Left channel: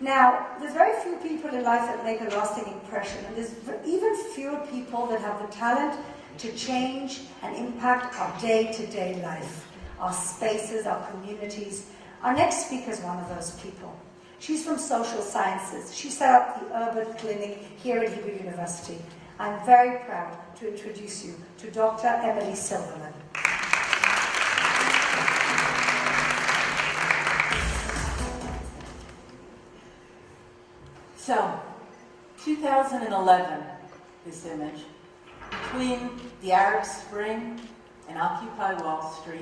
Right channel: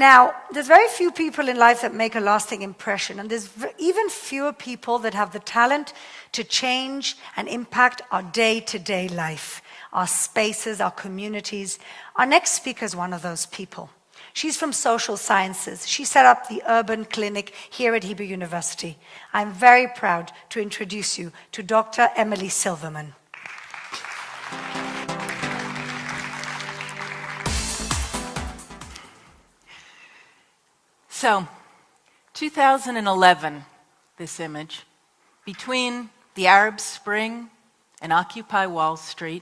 Now, there's very few people in life that make a lasting impression, and there's even fewer people that have the talent to change and impact our day-to-day life, our spaces, our communities. Our next speaker is one of those people. She's from social sciences. She set up the Urban Clinic here at Hebrew University. I'm very proud to introduce you to Dr. Emily Silverman. So, 2011, this image, between the Arab Spring and Occupy Wall Street,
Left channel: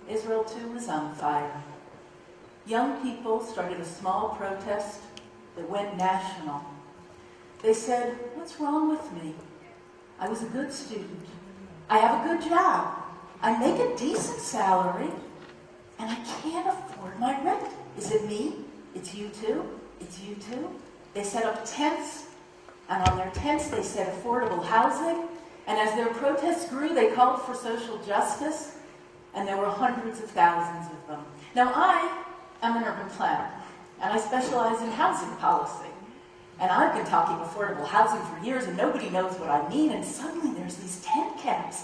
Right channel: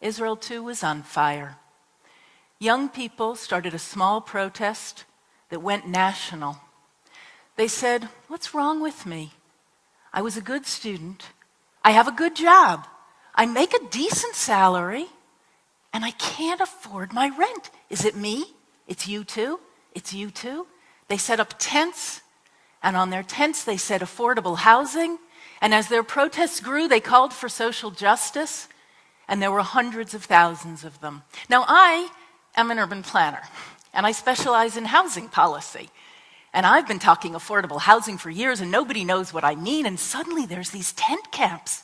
Israel too was on fire. Young people started a small protest that went national. They said, "What's wrong with me? I was a good student. I have a good job. I make a decent salary, and I can't afford my rent. Is it me? It's you too? It's you too?" They set up tents, and on their tents they said affordable housing, and as their protests grew, they called for social justice, and there were hundreds of thousands of them. Now, I am an urban planner, and I specialize in housing policy, and I've been talking affordable housing for years, and nobody knows what I mean, and suddenly there's these tent camps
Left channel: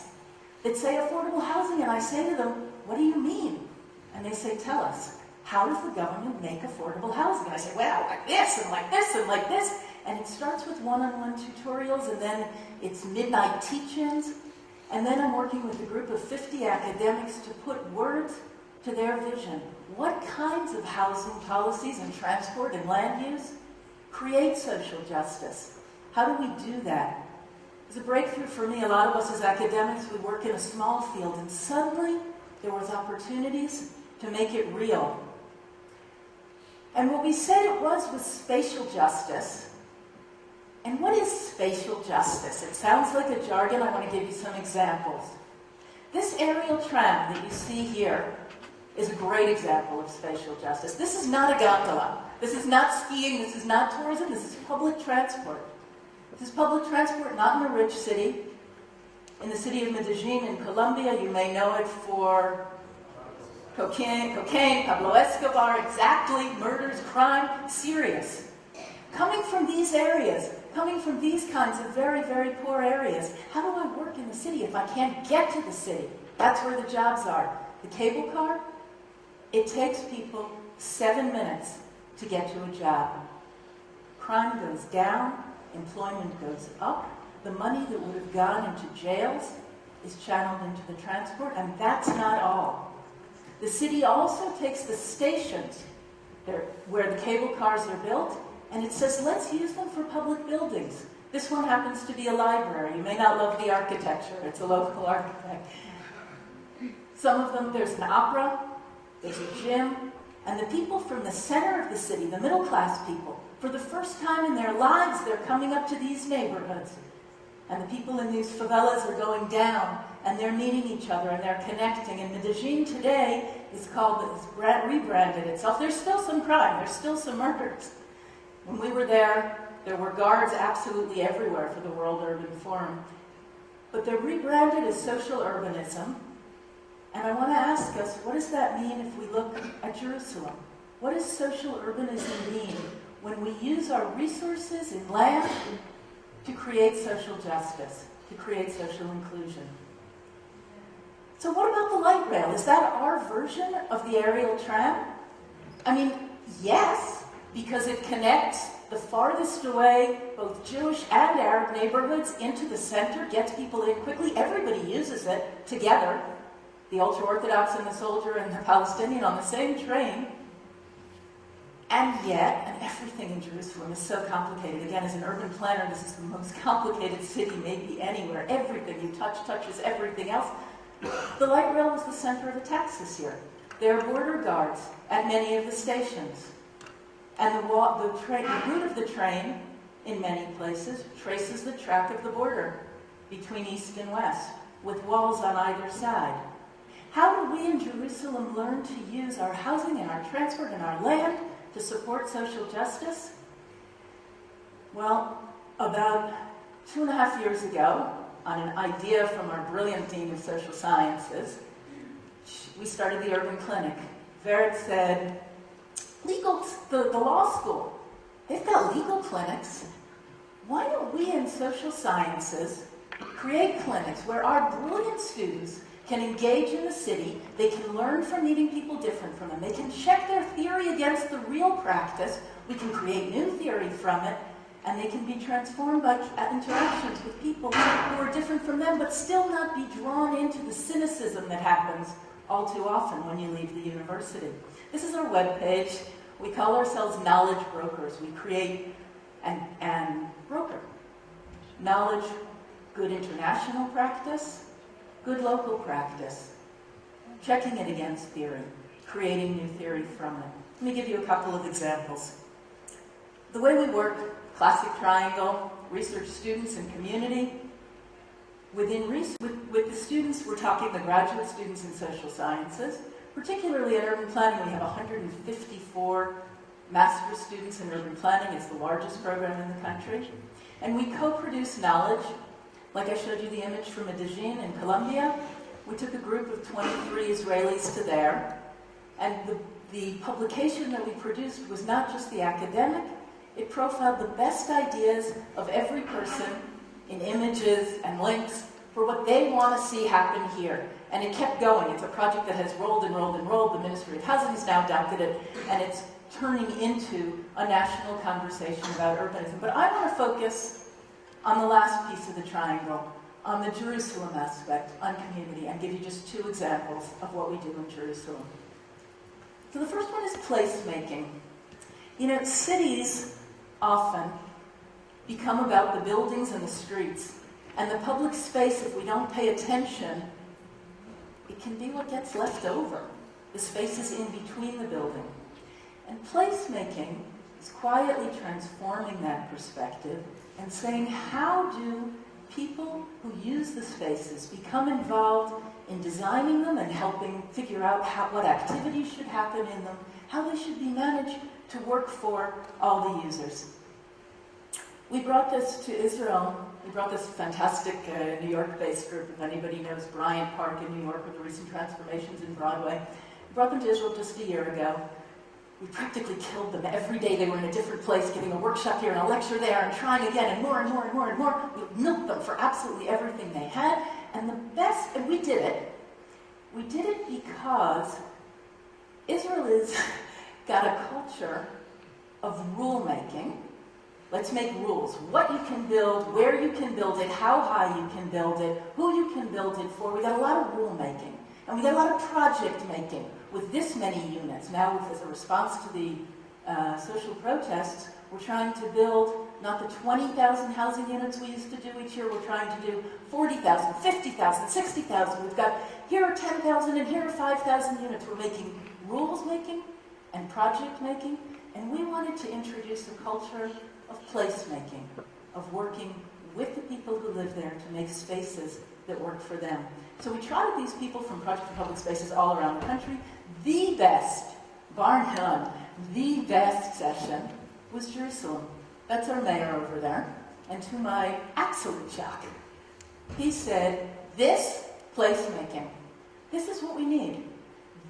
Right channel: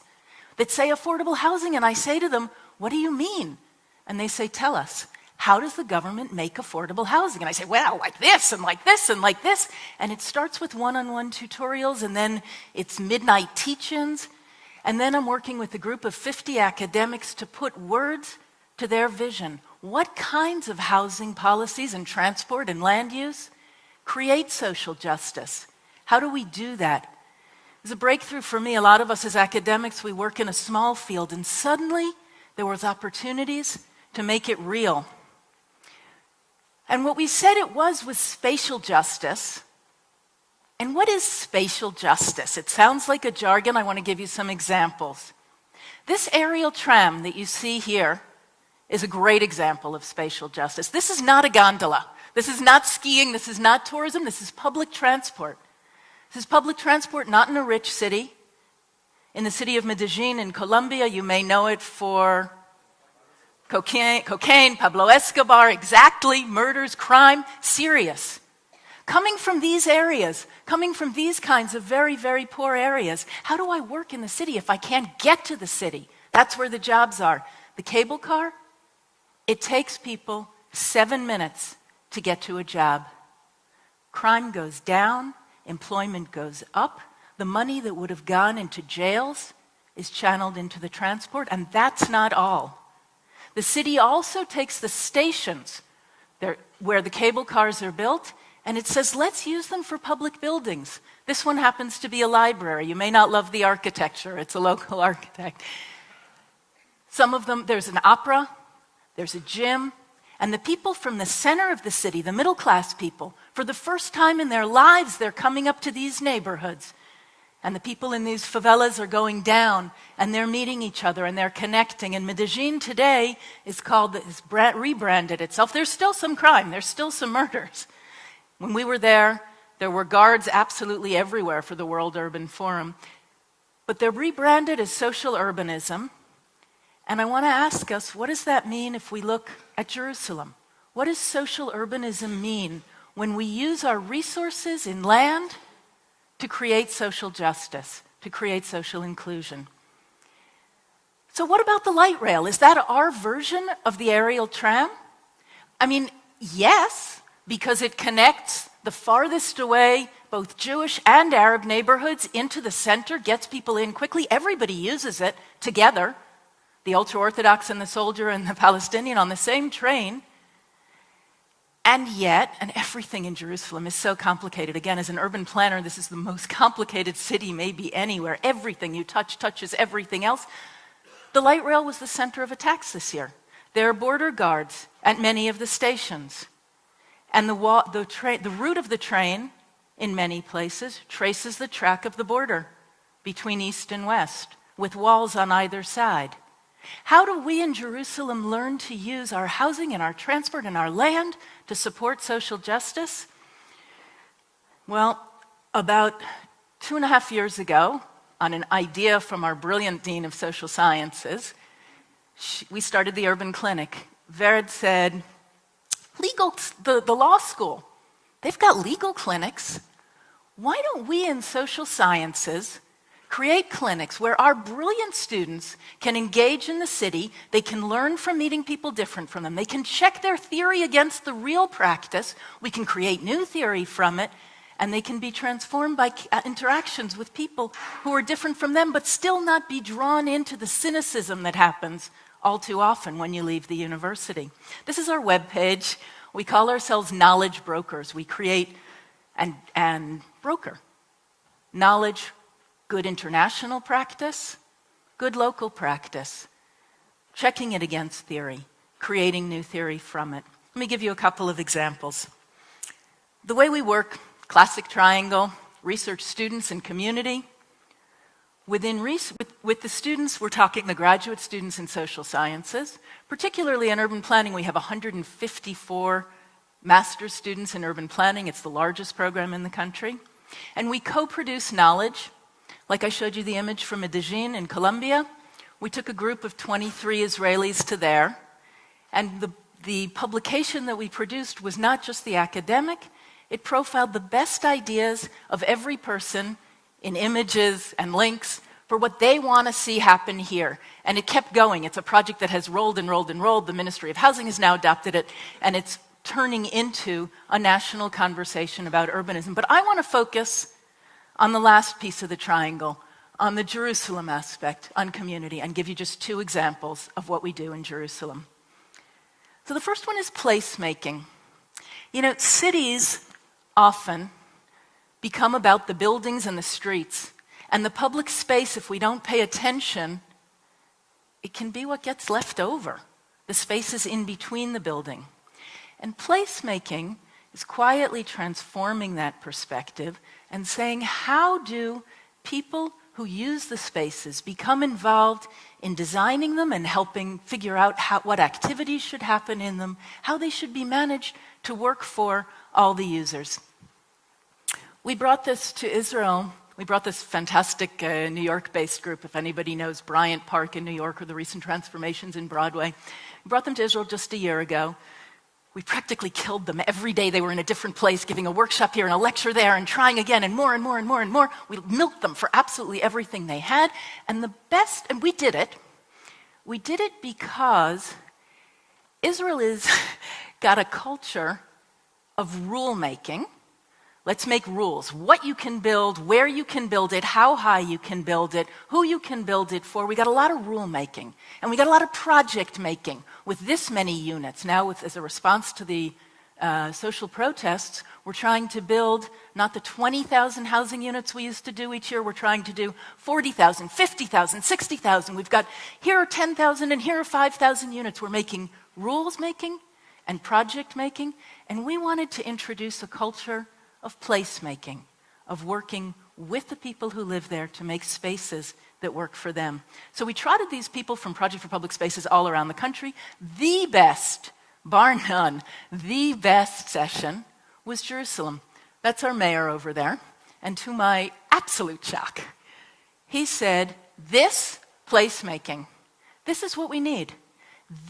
that say affordable housing, and I say to them, "What do you mean?" And they say, "Tell us. How does the government make affordable housing?" And I say, "Well, like this, and like this, and like this." And it starts with one-on-one tutorials, and then it's midnight teach-ins. And then I'm working with a group of 50 academics to put words to their vision. What kinds of housing policies and transport and land use create social justice? How do we do that? It was a breakthrough for me. A lot of us as academics, we work in a small field, and suddenly there was opportunities to make it real. And what we said it was spatial justice. And what is spatial justice? It sounds like a jargon. I want to give you some examples. This aerial tram that you see here is a great example of spatial justice. This is not a gondola. This is not skiing. This is not tourism. This is public transport. This is public transport not in a rich city. In the city of Medellin in Colombia, you may know it for cocaine, Pablo Escobar, exactly, murders, crime, serious. Coming from these areas, coming from these kinds of very, very poor areas, how do I work in the city if I can't get to the city? That's where the jobs are. The cable car, it takes people 7 minutes to get to a job. Crime goes down, employment goes up, the money that would have gone into jails is channeled into the transport, and that's not all. The city also takes the stations where the cable cars are built, and it says, let's use them for public buildings. This one happens to be a library. You may not love the architecture. It's a local architect. Some of them, there's an opera, there's a gym, and the people from the center of the city, the middle class people, for the first time in their lives, they're coming up to these neighborhoods. And the people in these favelas are going down, and they're meeting each other, and they're connecting. And Medellin today is rebranded itself. There's still some crime. There's still some murders. When we were there were guards absolutely everywhere for the World Urban Forum. But they're rebranded as social urbanism. And I want to ask us, what does that mean if we look at Jerusalem? What does social urbanism mean when we use our resources in land to create social justice, to create social inclusion? So what about the light rail? Is that our version of the aerial tram? I mean, yes, because it connects the farthest away, both Jewish and Arab neighborhoods into the center, gets people in quickly. Everybody uses it together. The ultra-Orthodox and the soldier and the Palestinian on the same train. And yet, and everything in Jerusalem is so complicated. Again, as an urban planner, this is the most complicated city maybe anywhere. Everything you touch touches everything else. The light rail was the center of attacks this year. There are border guards at many of the stations. And the route of the train, in many places, traces the track of the border between east and west, with walls on either side. How do we in Jerusalem learn to use our housing and our transport and our land to support social justice? Well, about 2.5 years ago, on an idea from our brilliant dean of social sciences, we started the Urban Clinic. Vered said, the law school, they've got legal clinics. Why don't we in social sciences create clinics where our brilliant students can engage in the city, they can learn from meeting people different from them, they can check their theory against the real practice, we can create new theory from it, and they can be transformed by interactions with people who are different from them, but still not be drawn into the cynicism that happens all too often when you leave the university. This is our webpage. We call ourselves knowledge brokers. We create and broker knowledge, good international practice, good local practice, checking it against theory, creating new theory from it. Let me give you a couple of examples. The way we work, classic triangle, research, students, and community. With the students, we're talking the graduate students in social sciences. Particularly in urban planning, we have 154 master's students in urban planning. It's the largest program in the country. And we co-produce knowledge. Like I showed you the image from Medellin in Colombia, we took a group of 23 Israelis to there, and the publication that we produced was not just the academic, it profiled the best ideas of every person in images and links for what they want to see happen here. And it kept going. It's a project that has rolled and rolled and rolled. The Ministry of Housing has now adopted it, and it's turning into a national conversation about urbanism. But I want to focus on the last piece of the triangle, on the Jerusalem aspect, on community, and give you just two examples of what we do in Jerusalem. So the first one is placemaking. You know, cities often become about the buildings and the streets, and the public space, if we don't pay attention, it can be what gets left over, the spaces in between the building. And placemaking is quietly transforming that perspective and saying, how do people who use the spaces become involved in designing them and helping figure out what activities should happen in them, how they should be managed to work for all the users. We brought this to Israel. We brought this fantastic New York-based group, if anybody knows Bryant Park in New York or the recent transformations in Broadway. We brought them to Israel just a year ago. We practically killed them. Every day they were in a different place, giving a workshop here and a lecture there and trying again and more and more and more and more. We milked them for absolutely everything they had. And the best, and we did it. We did it because Israel has got a culture of rule making. Let's make rules. What you can build, where you can build it, how high you can build it, who you can build it for. We got a lot of rule making. And we got a lot of project making with this many units. Now, as a response to the social protests, we're trying to build not the 20,000 housing units we used to do each year. We're trying to do 40,000, 50,000, 60,000. We've got here are 10,000 and here are 5,000 units. We're making rules making and project making. And we wanted to introduce a culture of placemaking, of working with the people who live there to make spaces that work for them. So we trotted these people from Project for Public Spaces all around the country. The best, bar none, the best session was Jerusalem. That's our mayor over there. And to my absolute shock, he said, this placemaking, this is what we need.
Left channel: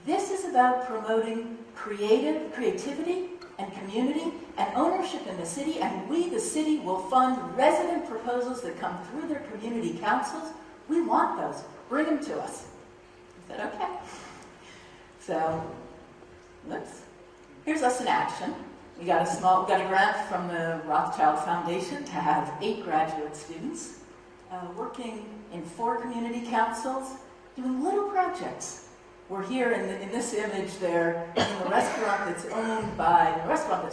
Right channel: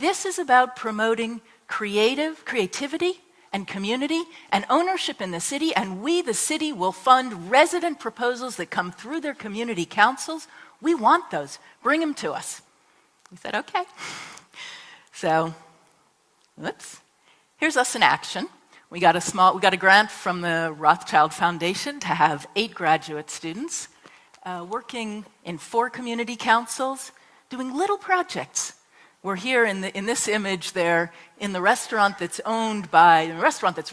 This is about promoting creativity and community and ownership in the city, and we, the city, will fund resident proposals that come through their community councils. We want those. Bring them to us. He said, okay. So, here's us in action. We got a grant from the Rothschild Foundation to have 8 graduate students working in 4 community councils, doing little projects. We're here in this image there in the restaurant that's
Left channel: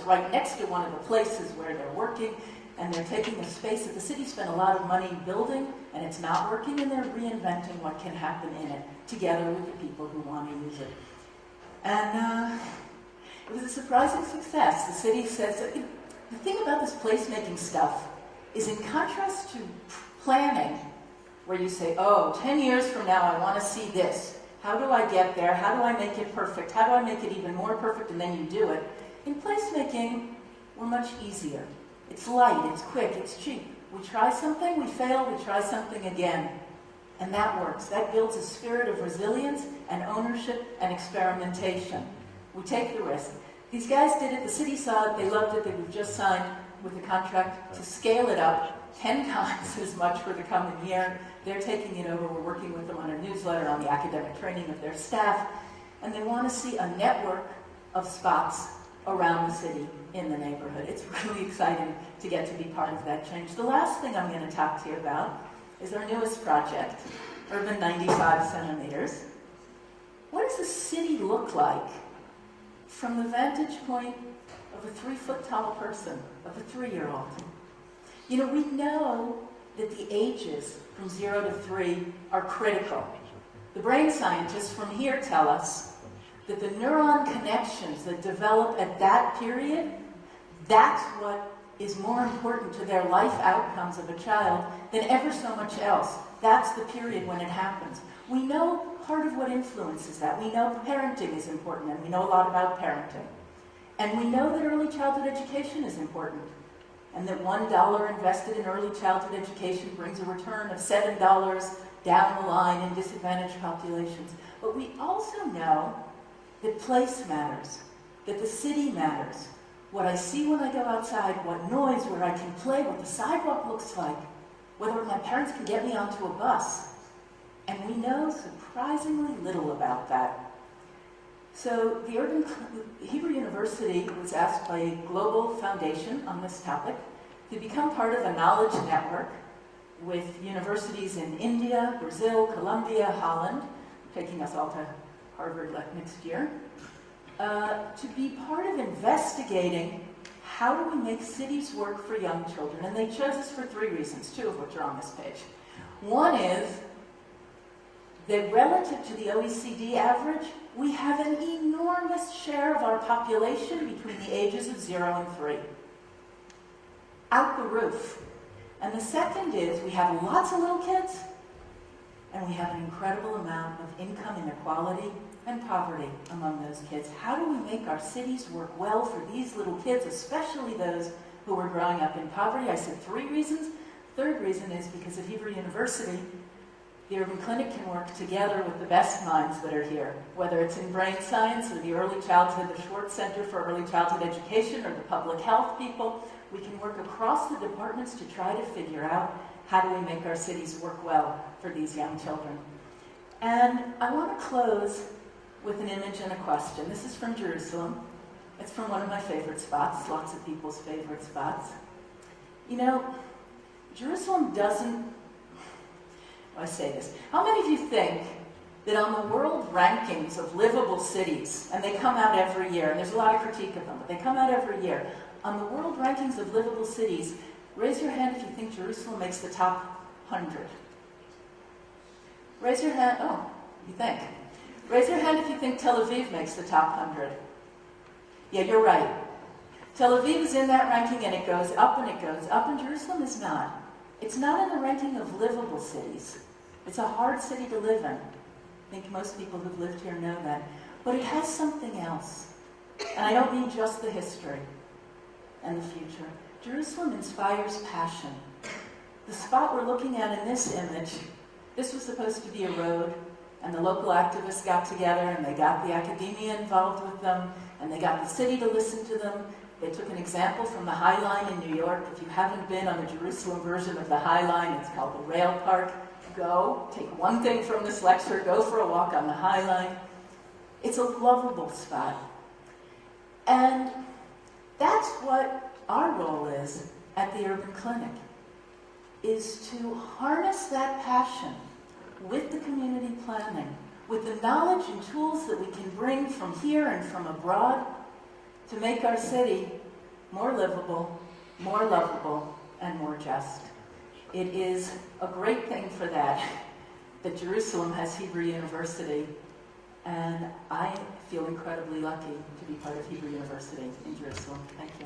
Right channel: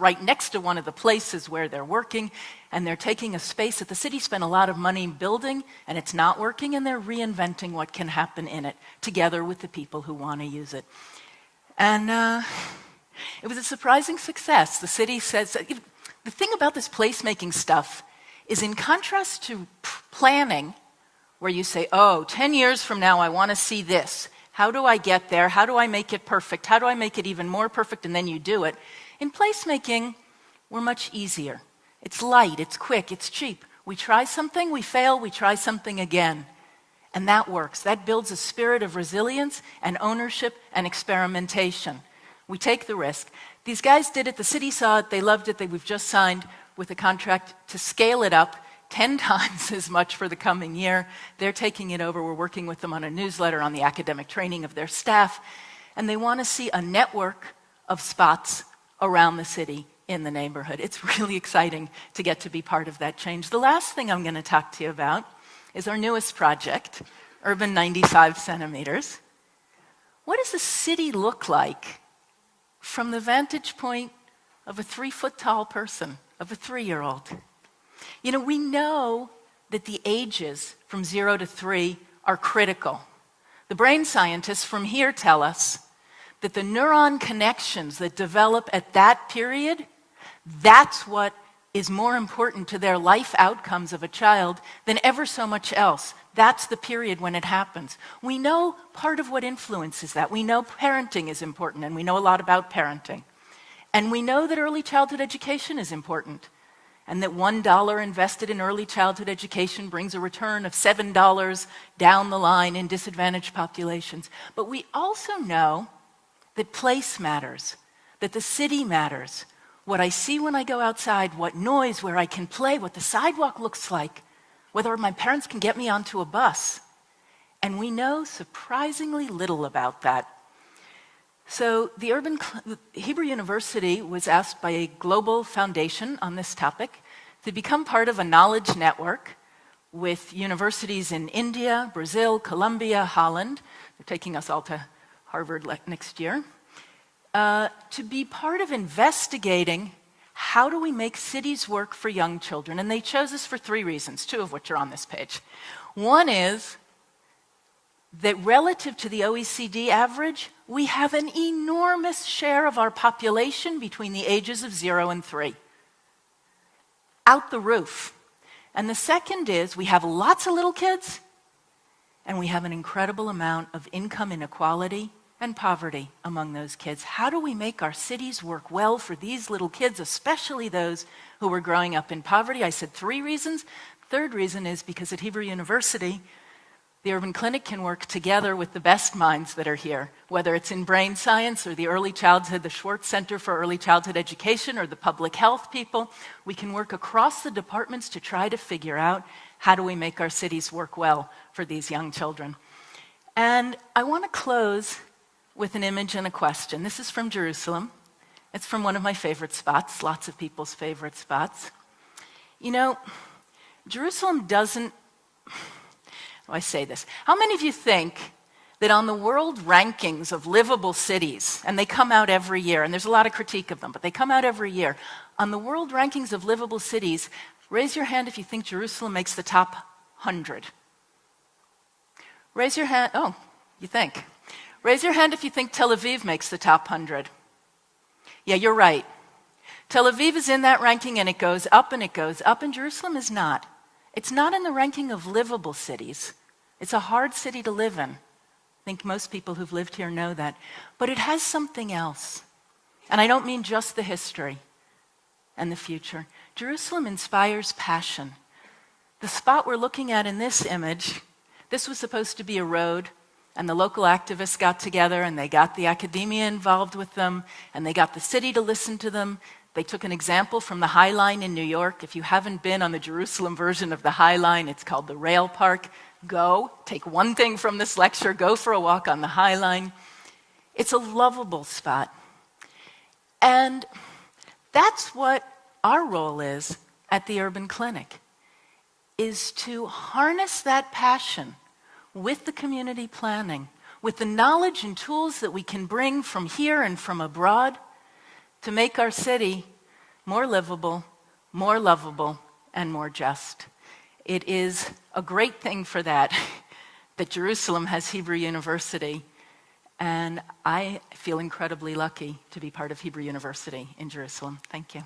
right next to one of the places where they're working, and they're taking a space that the city spent a lot of money building, and it's not working, and they're reinventing what can happen in it together with the people who want to use it. And it was a surprising success. The city says, the thing about this placemaking stuff is in contrast to planning, where you say, 10 years from now I want to see this. How do I get there? How do I make it perfect? How do I make it even more perfect? And then you do it. In placemaking, we're much easier. It's light, it's quick, it's cheap. We try something, we fail, we try something again. And that works. That builds a spirit of resilience and ownership and experimentation. We take the risk. These guys did it, the city saw it, they loved it, we've just signed with a contract to scale it up 10 times as much for the coming year. They're taking it over, we're working with them on a newsletter on the academic training of their staff, and they want to see a network of spots around the city in the neighborhood. It's really exciting to get to be part of that change. The last thing I'm going to talk to you about is our newest project, Urban 95 Centimeters. What does the city look like from the vantage point of a 3-foot-tall person, of a 3-year-old? You know, we know that the ages from 0 to 3 are critical. The brain scientists from here tell us that the neuron connections that develop at that period, that's what is more important to their life outcomes of a child than ever so much else. That's the period when it happens. We know part of what influences that. We know parenting is important, and we know a lot about parenting. And we know that early childhood education is important, and that $1 invested in early childhood education brings a return of $7 down the line in disadvantaged populations. But we also know that place matters, that the city matters, what I see when I go outside, what noise, where I can play, what the sidewalk looks like, whether my parents can get me onto a bus. And we know surprisingly little about that. So the Hebrew University was asked by a global foundation on this topic to become part of a knowledge network with universities in India, Brazil, Colombia, Holland. They're taking us all to Harvard next year. To be part of investigating how do we make cities work for young children. And they chose us for 3 reasons, 2 of which are on this page. One is that relative to the OECD average, we have an enormous share of our population between the ages of 0 and 3. Out the roof. And the second is we have lots of little kids, and we have an incredible amount of income inequality and poverty among those kids. How do we make our cities work well for these little kids, especially those who were growing up in poverty? I said 3 reasons. Third reason is because at Hebrew University, the Urban Clinic can work together with the best minds that are here, whether it's in brain science or the early childhood, the Schwartz Center for Early Childhood Education, or the public health people. We can work across the departments to try to figure out how do we make our cities work well for these young children. And I want to close with an image and a question. This is from Jerusalem. It's from one of my favorite spots, lots of people's favorite spots. You know, Jerusalem doesn't, I say this, how many of you think that on the world rankings of livable cities, and they come out every year, and there's a lot of critique of them, but they come out every year, on the world rankings of livable cities, raise your hand if you think Jerusalem makes the top 100. Raise your hand, oh, you think. Raise your hand if you think Tel Aviv makes the top 100. Yeah, you're right. Tel Aviv is in that ranking, and it goes up and it goes up, and Jerusalem is not. It's not in the ranking of livable cities. It's a hard city to live in. I think most people who've lived here know that. But it has something else. And I don't mean just the history and the future. Jerusalem inspires passion. The spot we're looking at in this image, this was supposed to be a road, and the local activists got together, and they got the academia involved with them, and they got the city to listen to them. They took an example from the High Line in New York. If you haven't been on the Jerusalem version of the High Line, it's called the Rail Park. Go, take one thing from this lecture, go for a walk on the High Line. It's a lovable spot. And that's what our role is at the Urban Clinic, is to harness that passion with the community planning, with the knowledge and tools that we can bring from here and from abroad, to make our city more livable, more lovable, and more just. It is a great thing for that Jerusalem has Hebrew University, and I feel incredibly lucky to be part of Hebrew University in Jerusalem. Thank you.